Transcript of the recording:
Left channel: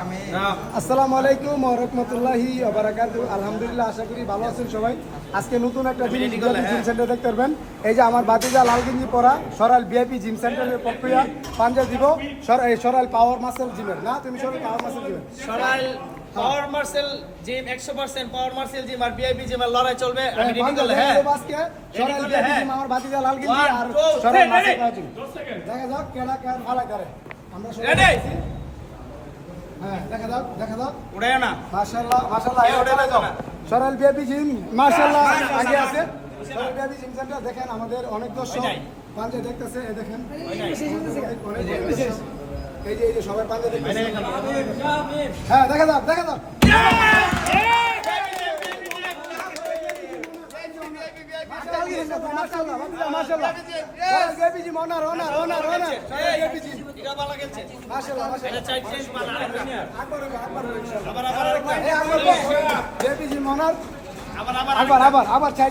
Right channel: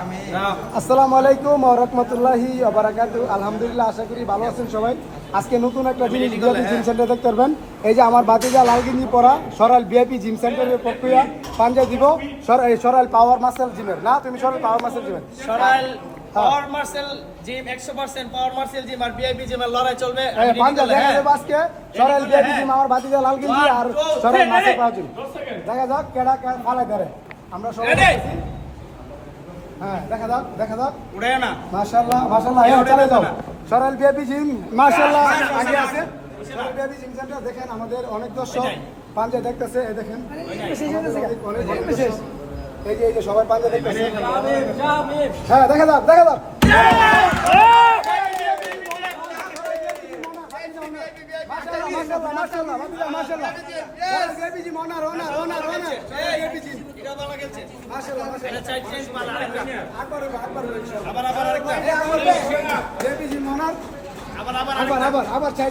আসসালামু আলাইকুম ওয়া রাহমাতুল্লাহি ওয়া বারাকাতুহু। আলহামদুলিল্লাহ, আশা করি ভালো আছেন সবাই। আজকে নতুন একটা জিম সেন্টার দেখতে পারবেন। এই যে আমার বাতিজা লাল গেঞ্জি পরা সরাল ভিআইপি জিম সেন্টারের প্রক্রিয়া পাঞ্জা দিব সরাল পাওয়ার মাসেল জিমের। না, তুমি সরাল পাওয়ার মাসেল জিমের। সরাইল পাওয়ার মার্সেল জিম 100% পাওয়ার মার্সেল জিম আর ভিআইপি জিমের লড়াই চলবে। আমি রেডি করলে হ্যাঁ আজকে সরাল ভিআইপি জিম আমার বাতিজা লাল গেঞ্জি আর সরাল মাসেল পাওয়ার জিম। দেখা যাক কেডা কেন ভালো করে। আমরা সবাই আছি। হ্যাঁ, দেখা দাও উড়ে না মাশাআল্লাহ হ্যাঁ, চলে যাও। সরাল ভিআইপি জিম মাশাআল্লাহ আগে আছে। সরাল ভিআইপি জিম সেন্টার দেখেন, আমাদের অনেক দর্শক পাঞ্জা দেখতেছে। এই দেখেন এই যে সবাই পাঞ্জা দেখতেছে। হ্যাঁ, দেখা দাও মাশাআল্লাহ সরাল ভিআইপি জিম ওনার সরাল ভিআইপি জিম মাশাআল্লাহ এটা চাই চেঞ্জ মালা আরেকটা আকবর আবার আরেকটা ভিআইপি জিম ওনার আবার আবার চাই